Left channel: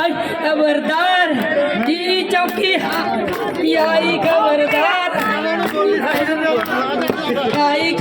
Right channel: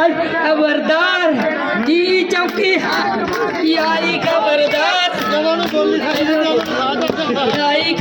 ਆਈ ਖਬਰਦਾਰ ਜੀ ਚੌਕੀ ਆਈ ਖਬਰਦਾਰ। ਆਈ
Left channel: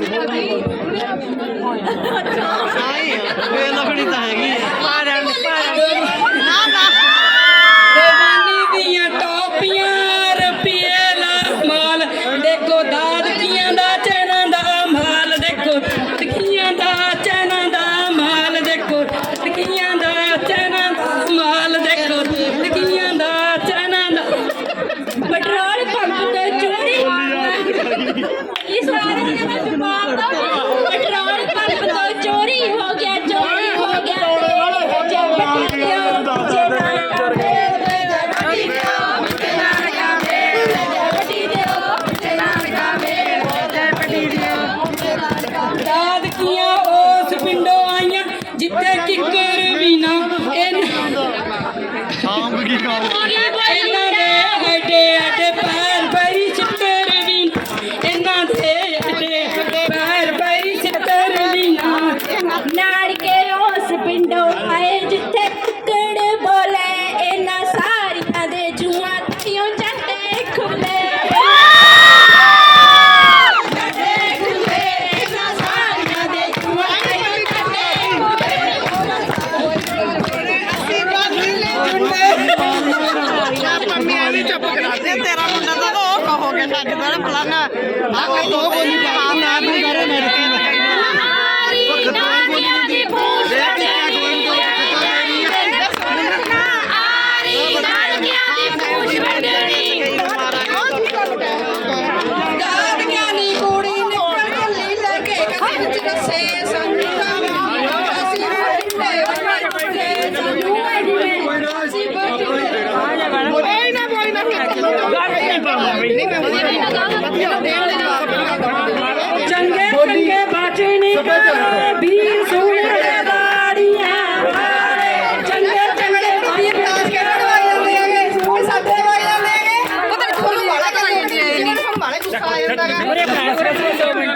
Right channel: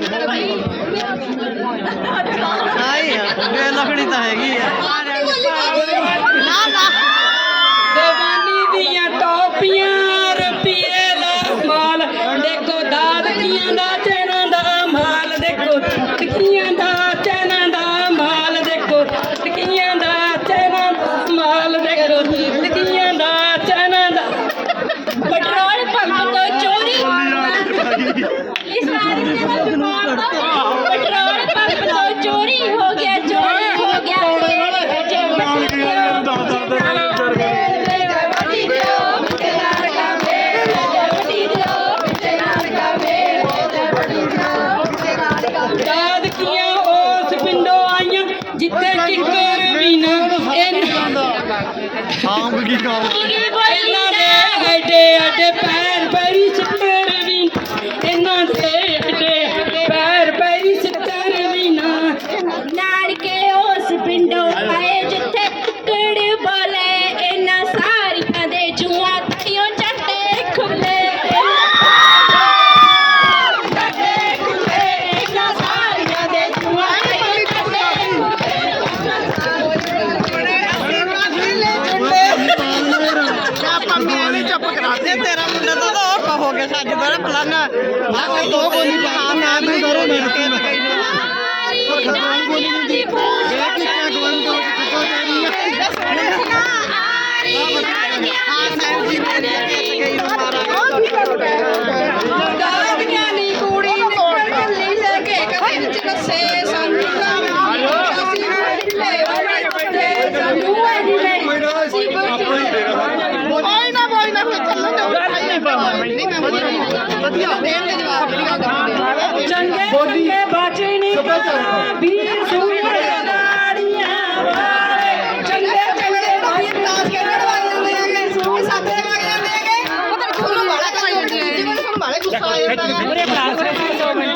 ਨਹੀਂ ਆ ਬੇਨਖੜੀ ਤਾਂ ਹੈਗੀ ਆ। সঙ্গ গীত ਸਾਡੇ ਕੋਲ ਪਲਨ ਆ ਕਰ ਦੋ ਗੋਲੀ ਪਹਾੜ ਚੰਗੇ ਚੰਗੇ ਬਾਚੇ ਨਹੀਂ ਵੀਰ ਸੋਹਣੇ ਦਾੜੀਆਂ ਚੰਗੇ ਚੰਗੇ ਵੀਰ ਨਾਚ ਕੇ ਲੜਵਾਈਆਂ ਹੋਈਆਂ ਨੇ ਸਾਡੇ ਵਾਈਆਂ ਨੇ ਪਤਾ ਨਹੀਂ ਤੁਹਾਨੂੰ ਬੜਾ ਤਾਂ ਆਈ ਜਾਂਦੀ ਹੈ ਮੇਰੇ ਭਰਾ ਮੇਰੇ ਭਰਾ 2 ਮਿੰਟ